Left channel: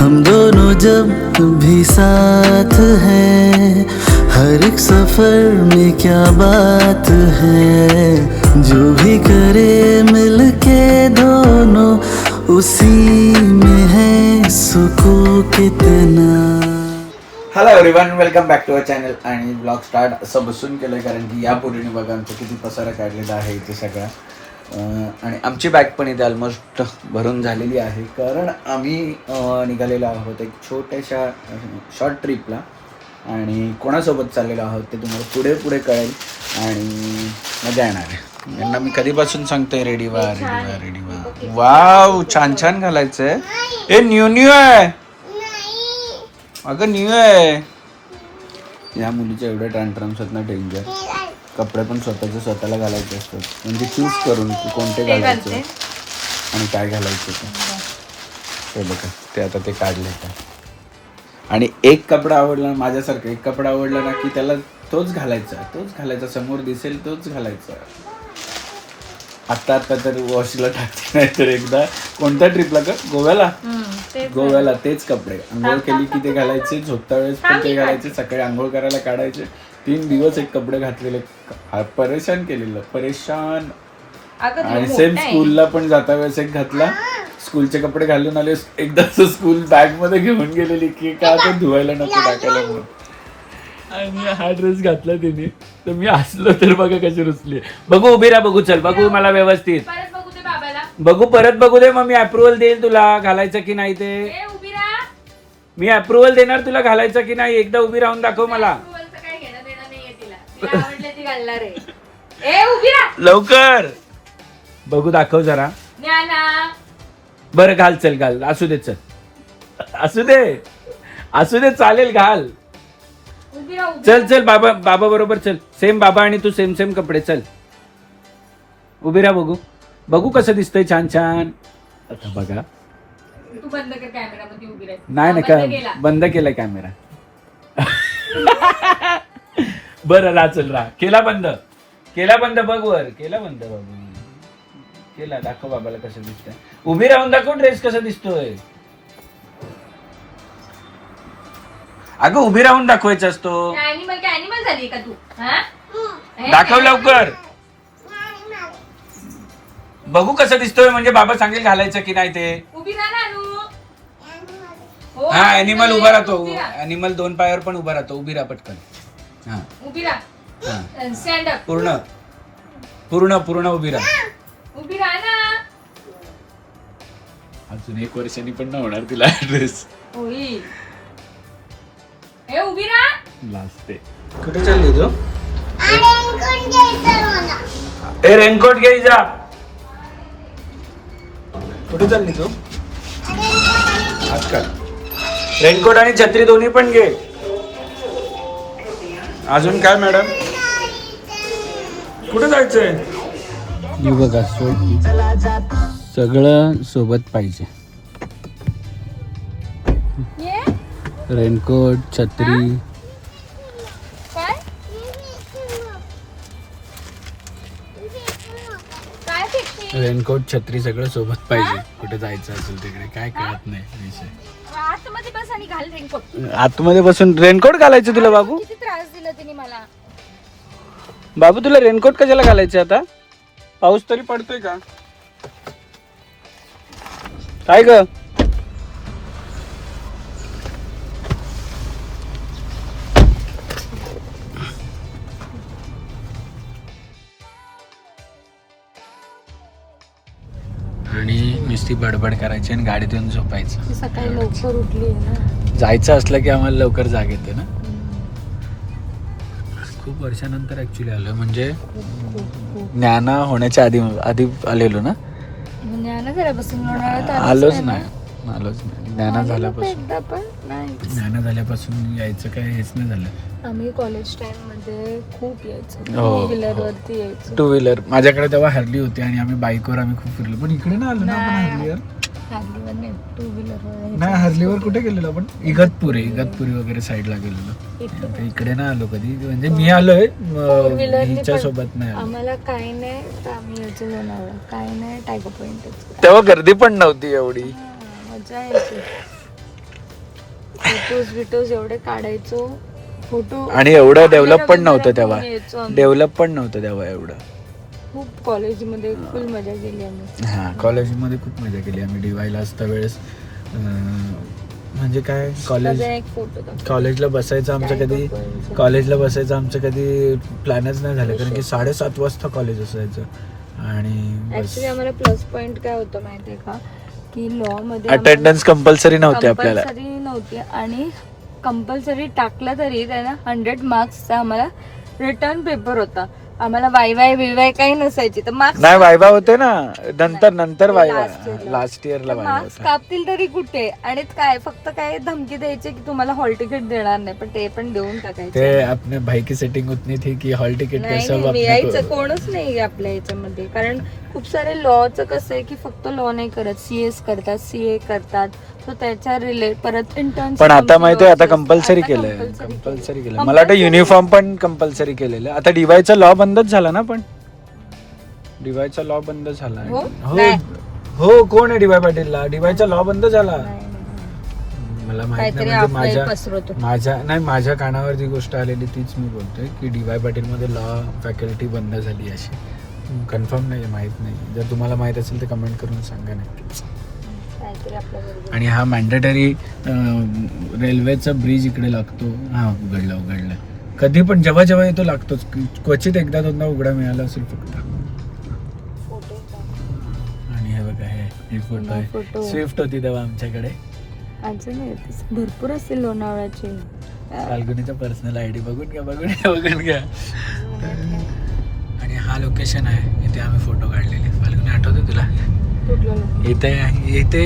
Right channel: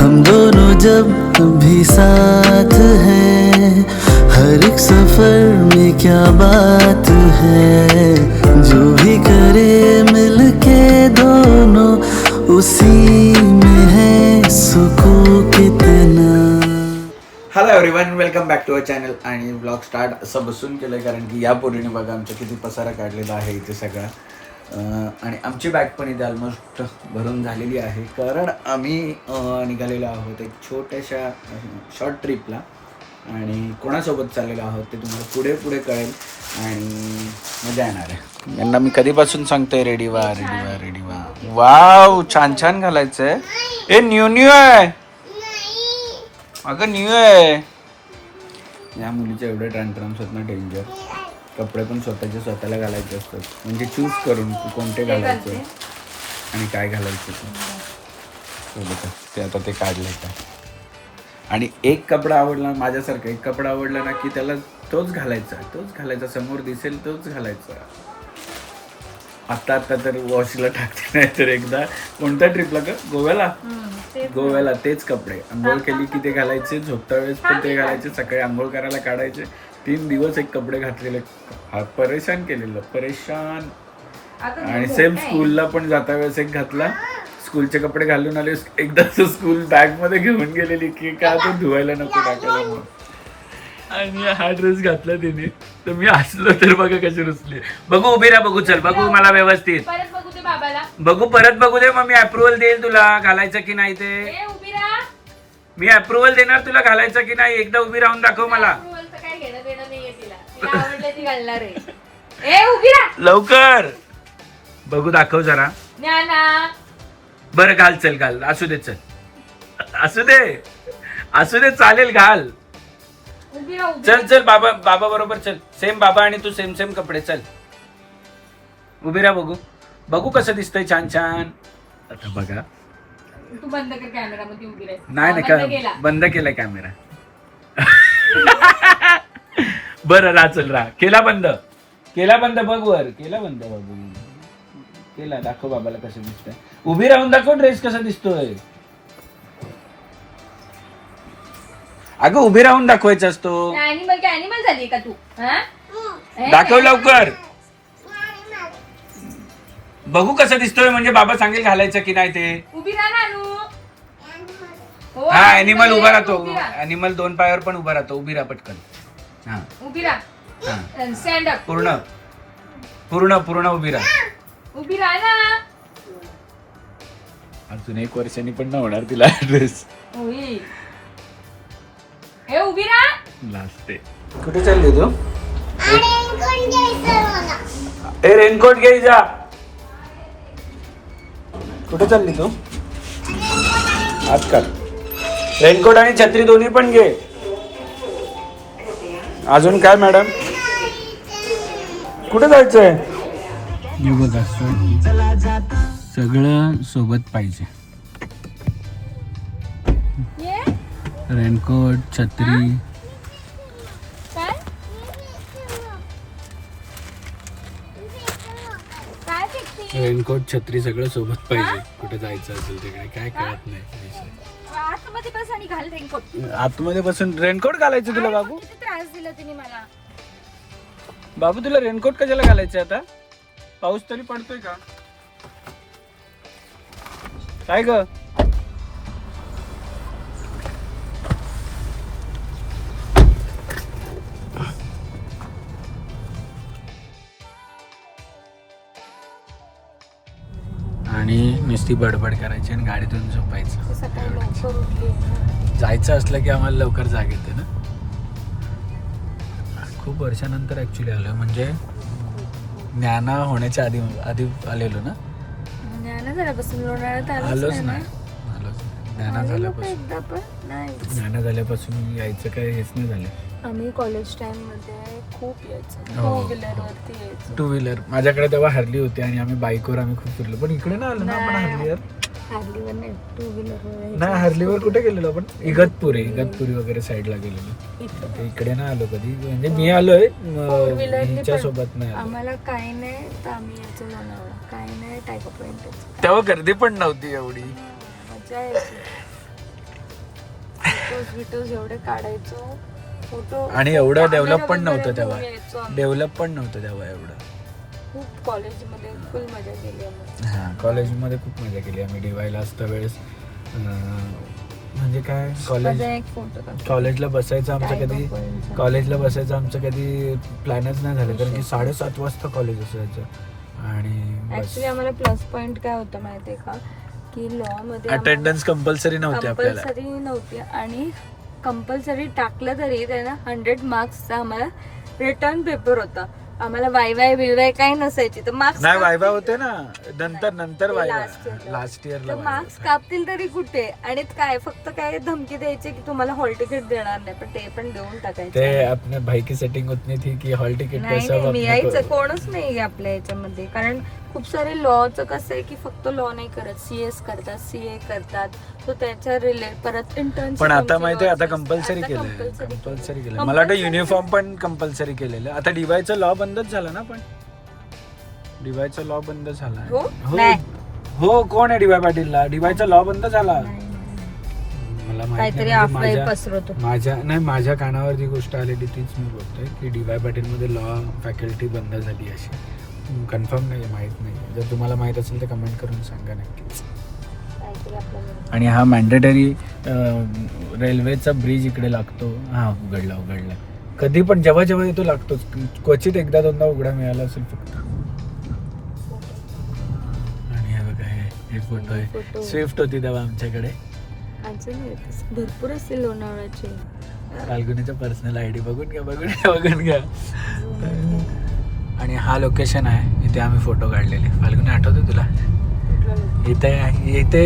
हम दोनों जब भी साथ हैं, हर एक सफर में क्या बात है, जो भी करे मिलके दोनों उसी में है सुकून कितना. Hello everyone, welcome back to our channel. आणि ब्लॉग स्टार्ट असं बसून केलं आहे कारण की यापूर्वीने बघा आमचा किती पसारा काढलेला आहे इथे सगळा. आणि आमची बॅग पण इथे ऑलमोस्ट भरून झालेली आहे कारण आम्ही निघालेलो आहोत एक छोट्याशा शॉर्ट ट्रिपला. आणि कोणासोबत चाललेलो आहोत ते तुम्हाला पुढे पुढे कळेल आणि मजा येणार आहे. त्यांना मी कधीपासून सांगतोय रेडी व्हा रेडी व्हा रेडी व्हा. वाव, छान छान घालायचं आहे. ए न्यू न्यू आहे अगं, न्यू आहे. या मुलीच्या एवढे टँट्रम्स आहेत ना, डेंजर. कपडे पण स्वतःचे स्वतःला घालायचे असतात, म्हणजे चूज करून की कोणते घालायचे आणि काय घालायचे ते बघा. ते आता ते काढले का. आणि एक कपडा आवडला माझ्यासारखं, एक कपडा आवडला ना की त्याला तोच घालायचा समोर दिसेल तोच घालायचा. आता तर वॉशला टाकते, नाही तर एकदा कोणत्या ट्रिपला का गोव्याला तेच कपडे. आंघोळ केली की ते घालायचे, झोपता वेळेस पण ते घालायचे, सकाळी आंघोळ करायला काढायचे. 3 दिवस एक कपडे घातलेले, परेशान केलेलं परेशान. आणि सेम स्कूलला पण जाता वेळेस एक घातला, स्कूलचे कपडे घालून आले, एकदा स्कूल बॅग मध्ये घेऊन गेलेली की का तो धुवायला नको टाकायला म्हणून. आणि हा ड्रेस घातला तिने तर मी हसलो तर बघा कशी रुसली. बघू उभी राहा, बघू चल, बघू मला व्यवस्थित बघू, परत बघू दे, मग मी अप्रुव्हल देईल तुला घालायचं की नाही ते. मी अप्रुव्हल देणार तुला घालायचं की नाही. एकदा उभी राहून दाखव मला लवकर. बघू दाखव जरा. बरं घाल, चल घाल, असू दे, चल असू दे चालेल, घाल. चल चल, बाबा बरोबर चल. सेम बाबा आणि तू सेम कपडे. चल उभी राहा, बघू कसं दिसतंय छान छान. आता बघा, तू बंद कर कॅमेरा मध्ये उभी राह. नाही का बंद केलाय कॅमेरा. बरं राहा, चल राहा. केला बंद बघ वर, केला बंद बाबू, केला. दाखव बाबाला कसं दिसतंय. उभी राहून दाखव ड्रेस कसा दिसतोय. अगं उभी राहून दाखवायचा असतो. ऍनिमल झाली का तू? दाखव लवकर, बघू कसं दिसतोय, म्हणजे बाबा सांगेल घालायचं की नाही ते. उभी राहा ना नू. हा, ऍनिमल उभा राहतो. ऍनिमल 2 पायावर पण उभा राहतो. उभी राहा पटकन. हा, उभी राहा. Stand up. पूर्ण उभी राहा. उभी राहा ना. अजून 1 वर्षांनी पण नाही होणार तुला ड्रेस. हे उभी राहा. लास्ट. कुठे चालली तू? ए रेनकोट घे जा. कुठे चालली तू? आजकाल रेनकोट आणि छत्री दोन्ही पण घे. अजून काय मॅडम? कुठे जायचंय? हे बघा, सगळं सोबत पाहिजे. रेनकोट, छत्री. रेनकोट, छत्री सगळं सोबत पाहिजे. कुठे जायचं असेल तिकडे काय कळत नाही. आतमध्ये बस आणि घाल रेनकोट. आतमध्ये बसून रेनकोट घालायचं तुला बाबू? किती त्रास दिला तिने मला. बाबू तुला रेनकोट कशाला घालायचे आता? पाऊस तरी पडतोय का? काय ग? आणि नुसती बडबड करायची आणि गाडीतून झोपायचं. सकाळी लवकर उठली. जायचं असलं की आम्हाला लवकर जाग येते ना. खूप वर्षानंतर ऍक्च्युली आलो, म्हणजे ज्ञाना होण्याच्या आधी आलेलो ना. आलोच नाही. ज्ञाना झाल्यापासून यायचं काय हेच नाही झालं. आम्ही कॉलेज टाइम मध्ये खूप यायचो. टू व्हीलरवरती यायचो. 2 व्हीलर माझ्याकडे तेव्हा हार्ली होती आणि आम्ही बाईकवर आम्ही खूप फिरलो. पण इकडे नाही आलो ना आपण हार्लीवर. हार्लीवर नाही, 2 व्हीलर. नाही, हार्लीवर कुठे गेलेलो आपण? इगतपुरी वगैरे साईडला गेलेलो. इकडे नाही आलो कधी. म्हणजे मी आलोय हिच्या सोबत नाही आलो. आम्हाला काही नाही तर आम्ही याचं जनावर काही नाही टायगर पॉइंट. तेव्हा गर्दी पण नव्हती एवढी. मजा यायची. फोटोज एवढे काढायचो फोटो. आणि एवढं डेव्हलप पण नव्हतं यायचो तेव्हा, आम्ही. डेव्हलप पण नव्हतं तेव्हा एवढं. खूप कॉलेजमध्ये फुल मजा केली आम्ही. हां, कॉलेजमध्ये खूप मजा केली आम्ही. DYला असता वेळेस म्हणजे काय कॉलेज माझा एक फोटो काढ. कॉलेजला बसायचं आमचं कधी प्लॅनच नाही झालं, कारण की 7:30 वाजता कॉलेज असायचं. आणि बस ऍक्च्युली आम्हाला प्लस पॉइंट काय होतं माहितीये का, की लॉ मध्ये अटेंडन्स कंपल्सरी नव्हती आपल्याला. कंपल्सरी नव्हती, आणि कंपल्सरी टाकलं तरी त्यांना 100 मार्क्सचा आम्हाला रिटर्न पेपर होता. आम्हाला वाय काही नसायची, तर मार्क्स नाही वायवा होते ना, नंतर वायवा. Last year ला. लास्ट इयरला वायवा मार्क्स होता. कापतील तरी कुठे, आणि काय फक्त काय धमकी द्यायची की तुम्हाला हॉल तिकीट देणार नाही, पण ते पण देऊन टाकायचे. ते अपने भाई की सेटिंग उतनी थी की हॉल तिकीट नाही, कैसा नाही, यायचं कोणच नाही आपल्या याच्यामध्ये. कारण खूप सारे लॉचं कसं आहे की फक्त लॉ नाही करत, CS करतात, CA करतात, तर त्याच्या रिलेट परत इंटर्न. पण आता माहितीये आता कंपल्सरी केलं. मला वाटतं युनिफॉर्म पण कंपल्सरी केलेलं. आता DYचा लॉ बंदच झाला ना, पण DYचा लॉ बंद झाला. हो? हो नाही. हो, कोण आहे DY पाटीलला? DYचा लॉ बंद झाला. मला माहित काहीतरी नाही, म्हणजे आपलं पसरवतो. माझ्या कानावर जी गोष्ट आलेली तीच मी बोलतोय की DY पाटीलमध्ये लॉ फॅकल्टी बंद झाली अशी. कन्फर्म नाही, माहित नाही. जर तुम्हाला माहित असेल तर कमेंट करून सांगा नक्कीच. आणि हा मॅन्डेटरी रेल्वेचा ब्रिज इकडे लागतो. हा उघडला कधी पण जेव्हा येतो लागतोच. क्वचित एकदा दोनदा उघडा मिळाला असेल फक्त. आणि हे बघा, हे फोटो आहे. स्विफ्ट होती तेव्हा आमच्याकडे. भरपूर असतील लोणावळ्याचे. फाल्गुनीचा पर्सनल ID बघून घ्या. आणि हा लोकेशन आहे, इथे आम्ही फोटो काढलेले. फाल्गुनी आठवते तुला? इथे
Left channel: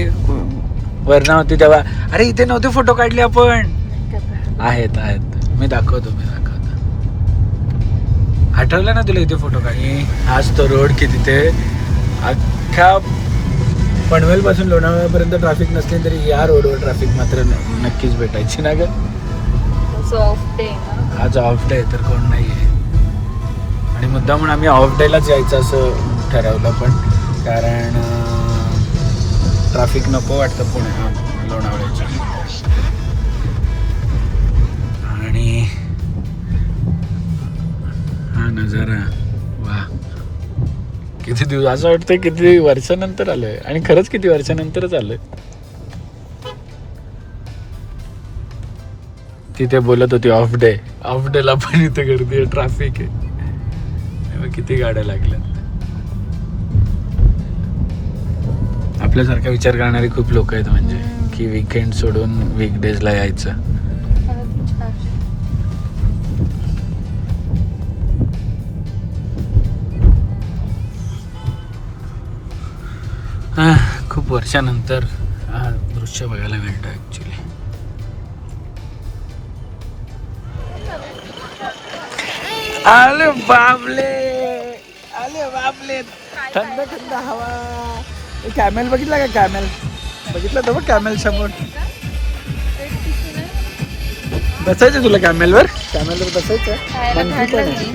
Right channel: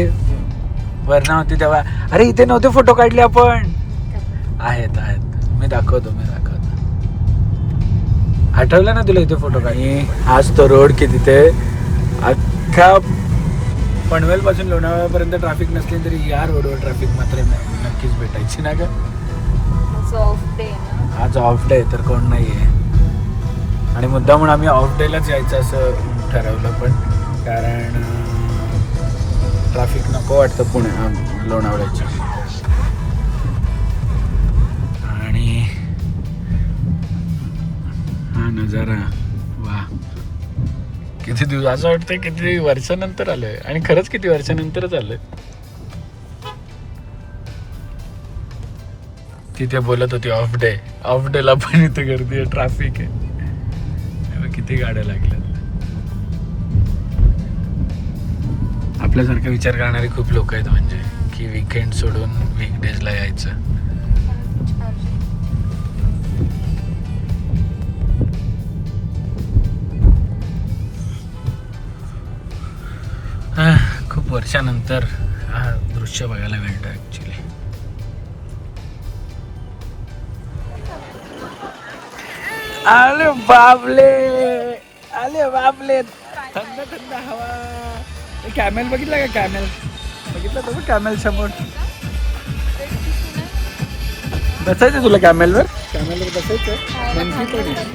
वरना होती तेव्हा. अरे इथे नव्हते फोटो काढले आपण. आहेत मी दाखवतो. आठवलं ना तुला इथे फोटो काढले? आज तो रोड की तिथे अख्ख्या पनवेल पासून लोणावळ्यापर्यंत ट्रॅफिक नसली तरी या रोडवर ट्रॅफिक मात्र नक्कीच भेटायची ना ग. आज ऑफ डे तर कोण नाही. आणि मुद्दा म्हणून आम्ही ऑफ डेलाच यायचं असं ठरवलं, पण कारण ट्रॅफिक नको वाटतं पुणे लोणावळ्याच्या. आणि हा नजारा वा, किती दिवस असं वाटतं किती वर्षानंतर आलोय. आणि खरंच किती वर्षानंतरच आलोय. तिथे बोलत होती ऑफ डेला पण इथे गर्दी आहे, ट्रॅफिक आहे. किती गाड्या लागल्या. आपल्यासारखा विचार करणारे खूप लोक आहेत, म्हणजे की वीकेंड सोडून वीकडेजला यायचं. खूप वर्षानंतर हा दृश्य बघायला मिळतं ऍक्च्युली. आले बाबले, थंड हवा. कॅमेल बघितला का? कॅमेल बघितलं तर बघ, कॅमेल समोर बसायचं. तुला कॅमेलवर बसायचं. मंकी पण आहे,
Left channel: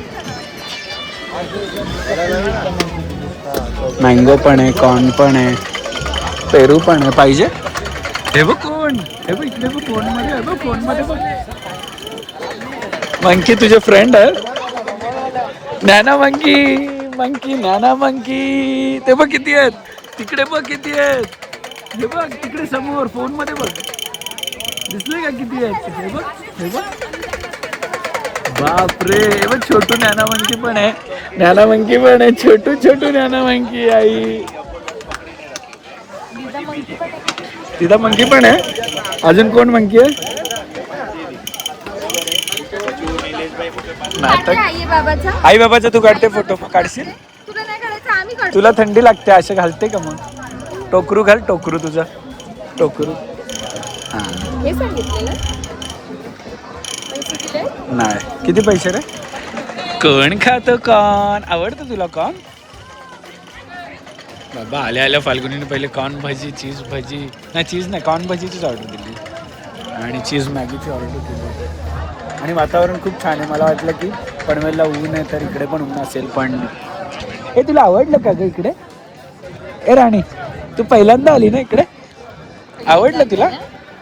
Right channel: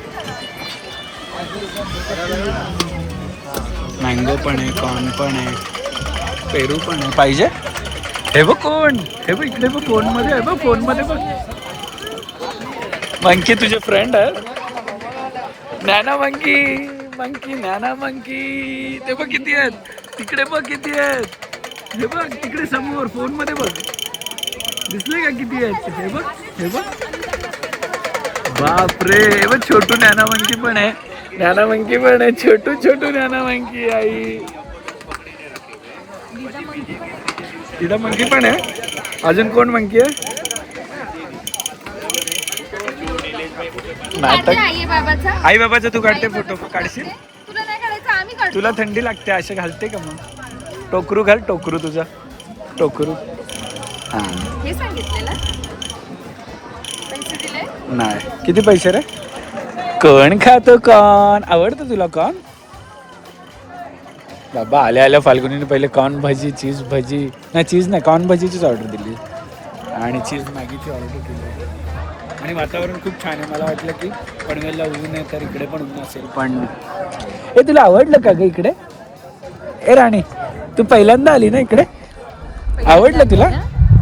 मँगो पण आहे, कॉर्न पण आहे, पेरू पण आहे. पाहिजे? हे बघ कोण, हे बघ इकडे बघ फोनमध्ये, हे बघ फोनमध्ये बघ. मंकी तुझे फ्रेंड आहे. नॅना मंकी ते बघ किती आहेत. तिकडे बघ किती आहेत. हे बघ तिकडे समोर फोन मध्ये बघ, दिसले का किती आहेत? हे बघ बापरे. हे बघ छोटू नॅना मंकी पण आहे. छोटू नॅना मंकी. आई तिला मंकी पण आहे. अजून कोण मंकी आहे? नाटक. आई बाबाचा तू काढते फोटो, काढशील? तुला थंडी लागते असे घालते का? मग टोकरू घाल, टोकरू तुझा टोकरू. हा हे सांगितलेलं पैसे दिले नाही. किती पैसे रे? कोण खातो कॉर्न? आवडतं तुला कॉर्न? बाबा आल्या फाल्गुनीने पहिले कॉर्न भाजी, चीज भाजी, नाही चीज नाही कॉर्न भाजीचीच ऑर्डर दिली आणि चीज मॅगीची ऑर्डर केली. आणि वातावरण खूप छान आहे. मला वाटलं की पनवेलला ऊन आहे तर इकडे पण ऊन असेल, पण हे तुला आवडलं का ग इकडे? ए राणी, तू पहिल्यांदा आली ना इकडे? आवडलं तुला?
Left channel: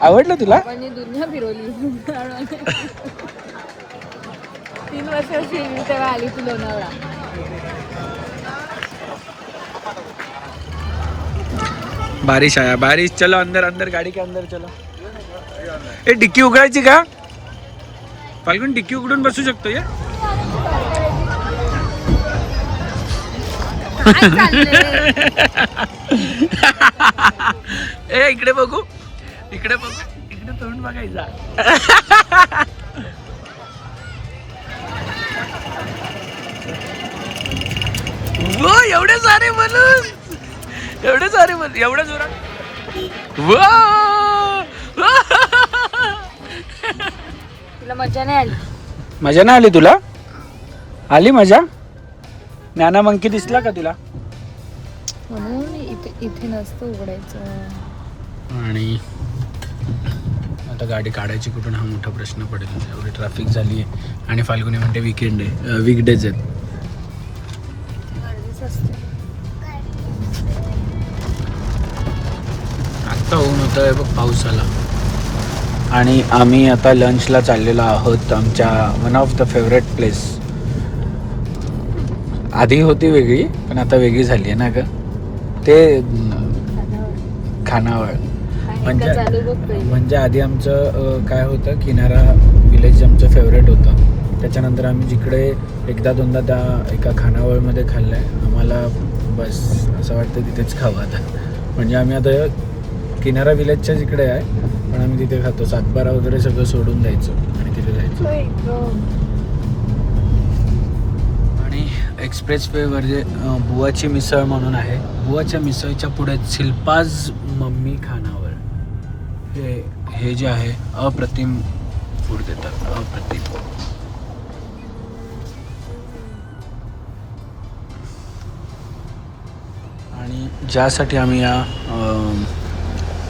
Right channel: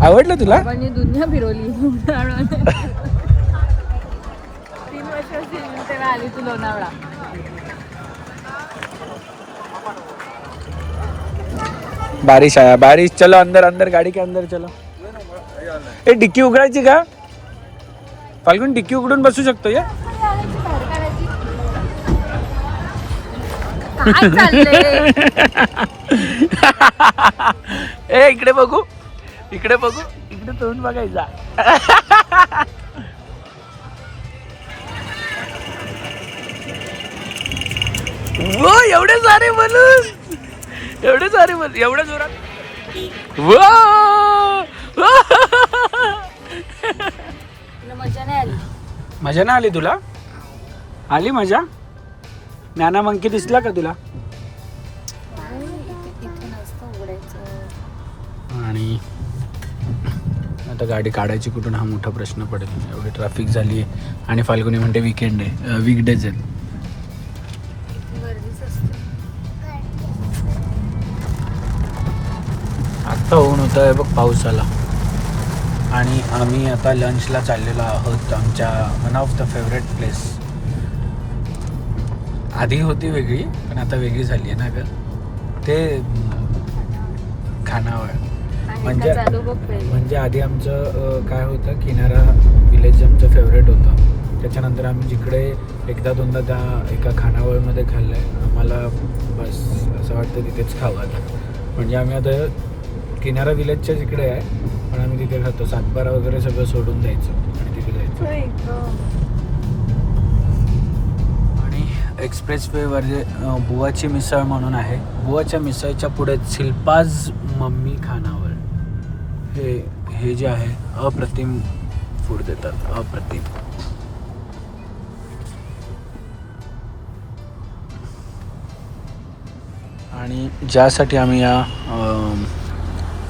आवडलं तुला? म्हणजे दुनिया फिरवली. 3 वर्षाची तेव्हा आली तू लोणावळा. बारिश आया, बारिश. चलो अंदर अंदर, गाड़ी के अंदर चलो. ए डिक्की उघडायची का? फाल्गुन डिक्की उघडून बसू शकतो या? काय चाललंय? ए इकडे बघू, इकडे बघू, इकडे तोंड बघायचा. वो एवढे सारे बलून, एवढे सारे बलून, एवढ्या जोरात. तुला मजा नाही आली? मजा नाही आली तुला? आली मजा? नाना मंकी दिसला का तुला? इथे नसतं उघडायचं. आणि आता गाडी काढायची कुठून हा मोठा प्रश्न पडेल. एवढी ट्रॅफिक झाली आहे आणि फाल्गुनी म्हणते वीकडेज आहेत. आत्ता होऊन होतं आहे बघ, पाऊस आला. आणि आम्ही आता लंचला चाललेलो आहोत आमच्या one of the favourite place. आधी होती वेगळी पण आता वेगळी झाली आहे ना ग. ते खानावळ. म्हणजे आधी आमचं काय होतं, किनारा विलेज आमचं फेवरेट होतं. त्याच्यानंतर आम्ही जिकडे एकदा दोनदा त्या एका खानावळमध्ये खाल्लं आहे. आम्हाला बस असं वाटतं तिथेच खावं आता. म्हणजे आम्ही आता किनारा विलेजच्या जिकडे आहे पण आम्ही तिथे खातो. सातबारा वगैरे सगळं सोडून द्यायचं आणि तिथे जायचं. आणि एक्सप्रेस वेवर जे बुवाची मिसळ म्हणून आहे, बुवाच्या मिसळच्या पुढे शिल्पाज मम्मी खानावळ, हे जे आहे अप्रतिम फूड देतात, अप्रतिम. आणि ज्यासाठी आम्ही या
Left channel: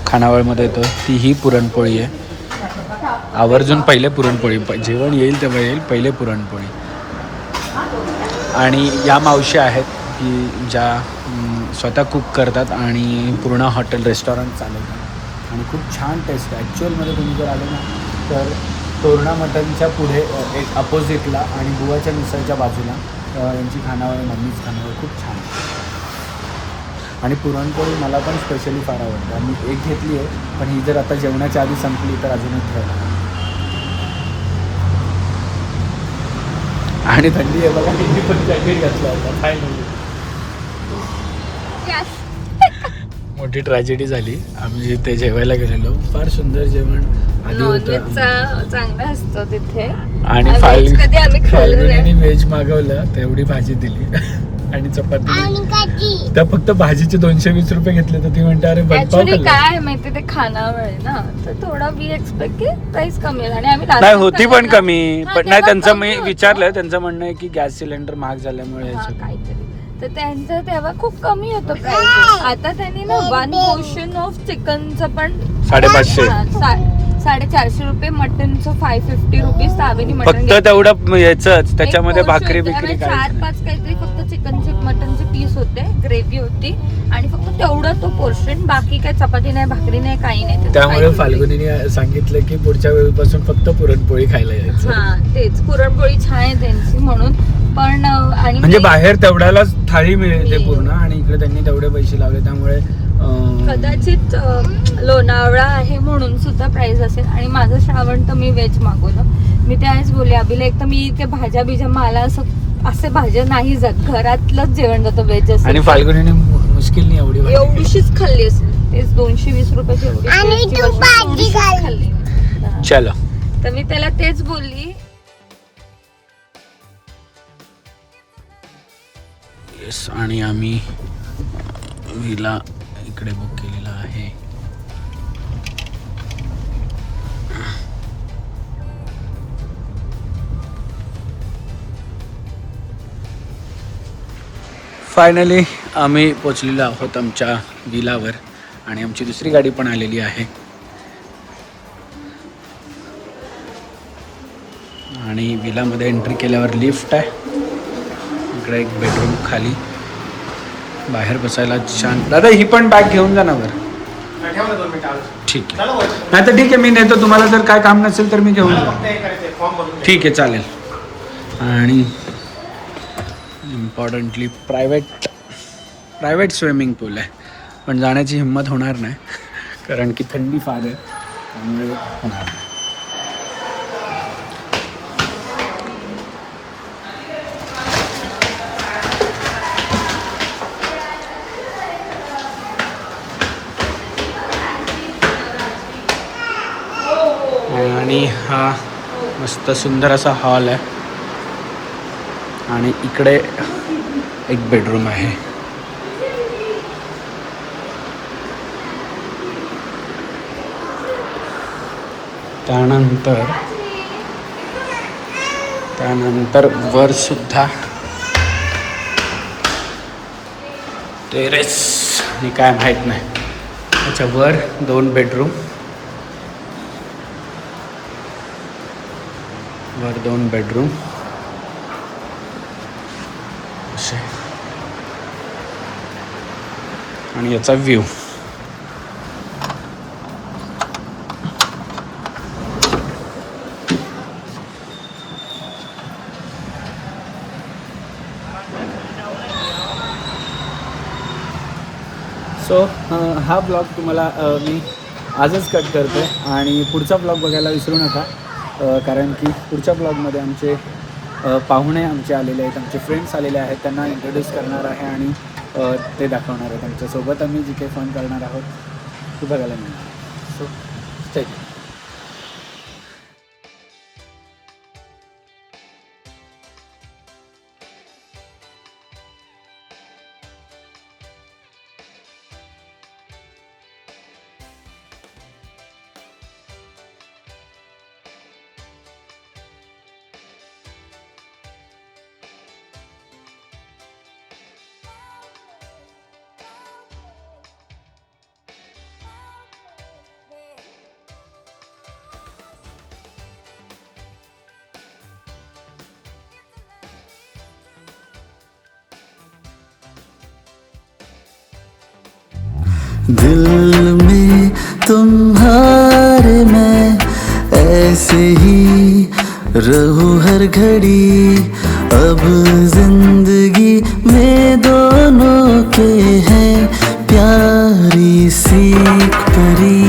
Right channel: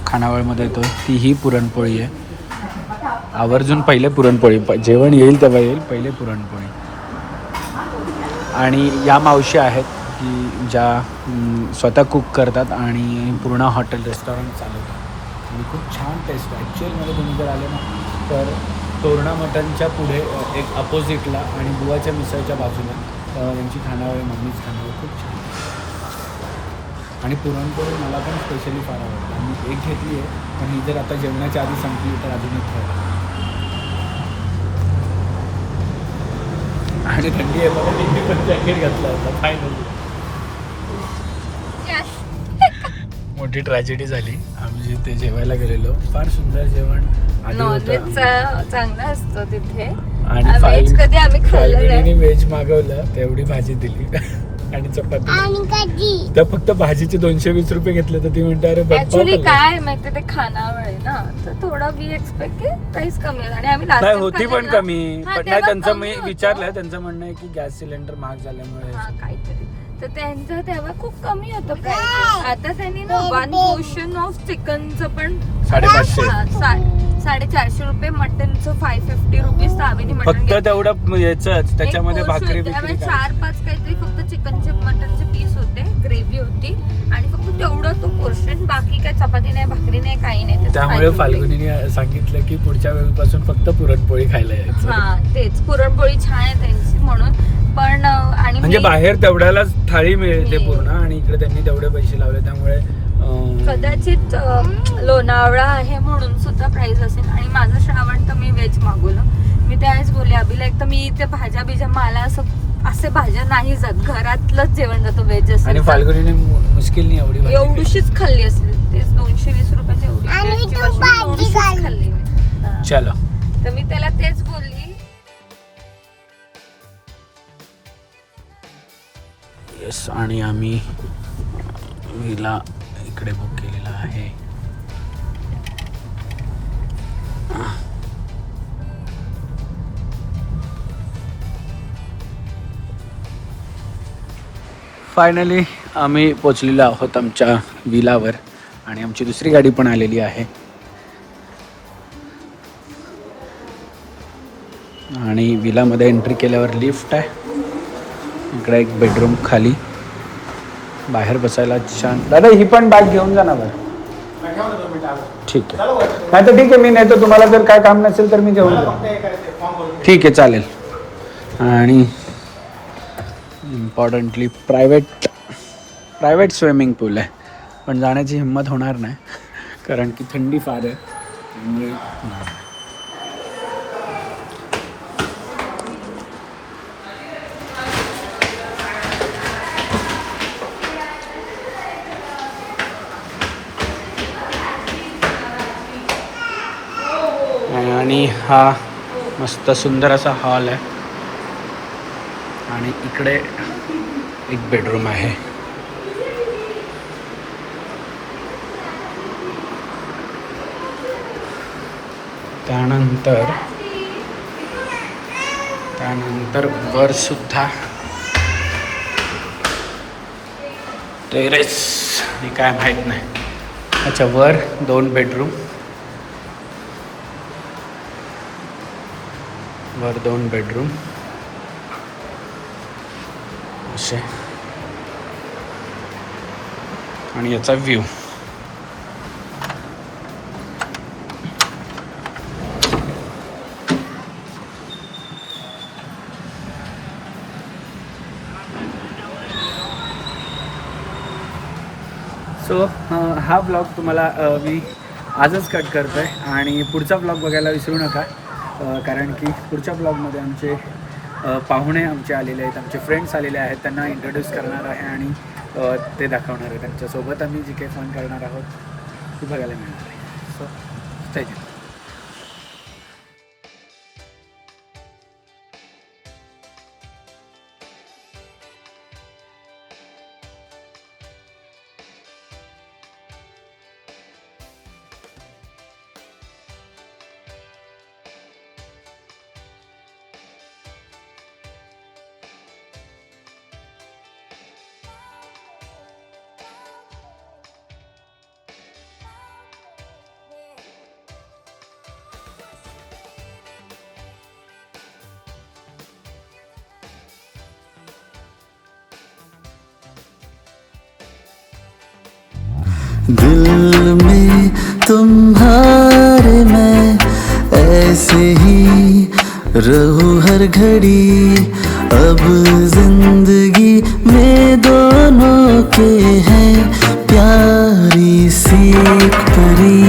खानावळमध्ये येतो ती ही पुरणपोळी आहे. आवर्जून पहिले पुरणपोळी, जेवण येईल तेव्हा येईल, पहिले पुरणपोळी. आणि या मावशी आहेत की ज्या स्वतः कुक करतात आणि पूर्ण हॉटेल रेस्टॉरंट चालवतात आणि खूप छान टेस्ट. ॲक्च्युअलमध्ये तुम्ही जर आले ना तर तोरणा मटनच्या पुढे एक अपोजिटला आणि बुवाच्या मिसळच्या बाजूला यांची खानावळ, मम्मीच खानावळ खूप छान. आणि पुरणपोळी मला पण स्पेशली फार आवडतं. आम्ही एक घेतली आहे पण ही जर आता जेवणाच्या आधी संपली तर अजून एक ठेवलं. आणि थंडी आहे बघा, तिने पण जॅकेट घातला होता फायनली. मोठी ट्रॅजेडी झाली. आम्ही जिथे जेवायला गेलेलो, फार सुंदर जेवण आधी होतं. चांगला असतो तिथे. आणि फाल्गुनीने व्हेज मागवलं, तेवढी भाजी दिली आणि चपाती. तर फक्त भाजीचे 220 रुपये घेतले. तर ती म्हणते अरे ऍक्च्युअली काय माहिती ते खानावळ आहे ना, तर थोडा वी एक्सपेक्ट की प्राइस कमी होईल. आणि आम्ही नाही होती पण कमी, पण नाही त्यांचं मी विचारलं, त्यांचं म्हणणं आहे की गॅस सिलेंडर महाग झाल्यामुळे काहीतरी. तर त्यांचं तेव्हा खूप कमी होतं प्राइस. आता त्यांनी ना 1 पोर्शन ऑफ चिकनचं पण 450 रुपये, मटनचं 550 रुपीज. सावेनी मटन फक्त तेवढं याचंच, त्याच्यामध्ये भाकरी बिकरी 4-5 काहीतरी फक्त चिकनचे मटनचे पीस होते, ग्रेव्ही होती आणि फक्त तेवढा तो पोर्शन. बाकी काय चपाती नाही, भाकरी नाही, काही नाही. त्यामुळे फाल्गुनीने सांगितलं की पुढच्या वेळीपासून फक्त पुरणपोळी खायला यायचं. हा तेच, पुरणपोळी छान आहे त्यांची म्हणून. पण आणि म्हणजे बाहेर तेवढ्यालाच थाळी मिळते पूर्ण आणि इकडे त्यांनी तेवढे पैसे लावले. त्यामुळे कदाचित लोणावळा आहे म्हणून सुद्धा प्राइस असेल. आणि माझं श्रावण तर मी व्हेज मागवलं. मी ते आज बोलले अभिला, एक तर मी ते भाज्या बिज्या मला असे भाज्या नाही जात, घरातलंच जेवण जातं व्हेज असेल. आणि फाल्गुनीने मुश्किल नाही एवढीशीच खाल्ली असेल. तेच 220 रुपये एवढी खाल्ली. चलो, तर मी त्याला तेच बोलली. येस. आणि आम्ही विला इकडे बुक केलेला आहे. फायनली आम्ही पोचलेलो आहोत आमच्या विलावर आणि आमची दुसरी गाडी पण आलेली आहे. आणि विलामध्ये एंट्री केल्यावर लिफ्ट आहे. इकडे एक बेडरूम, खाली बाहेर बसायला छान. दादा ही पण बॅग घेऊन जा ना वर. ठीक आहे, नाही तर ठीक आहे, मी नेतो. तुम्हाला जर काय काम नसेल तर मी घेऊन जाऊ. ठीक आहे, चालेल. आणि इम्पॉर्टंटली प्रायव्हेट स्विमिंग पूल आहे, पण जाण्याची हिंमत होणार नाही कारण की थंडी फार आहे, त्यामुळे होणार नाही. आणि हा मस्त सुंदर असा हॉल आहे आणि इकडे एक बेडरूम आहे. त्यानंतर वर सुद्धा टेरेस मी काय माहीत नाही. अच्छा, वर 2 बेडरूम, वर 2 बेडरूम असे आणि याचा व्ह्यू. सो हा ब्लॉग तुम्हाला मी आजच कट करतो आहे आणि पुढचा ब्लॉग बघायला विसरू नका, कारण की पुढच्या ब्लॉगमध्ये आमचे पाहुणे आमचे आलेले आहेत, आमचे फ्रेंड्स आलेले आहेत, त्यांना इंट्रोड्यूस करणार आहे आणि ते दाखवणार आहे. त्यांच्यासोबत आम्ही जी काही फन करणार आहोत ती बघायला मिळणार आहे. So stay tuned. दिल में तुम्हारे मैं ऐसे ही रहूं हर घड़ी. अब जिंदगी में दोनों के हैं प्यारी सी एक परी.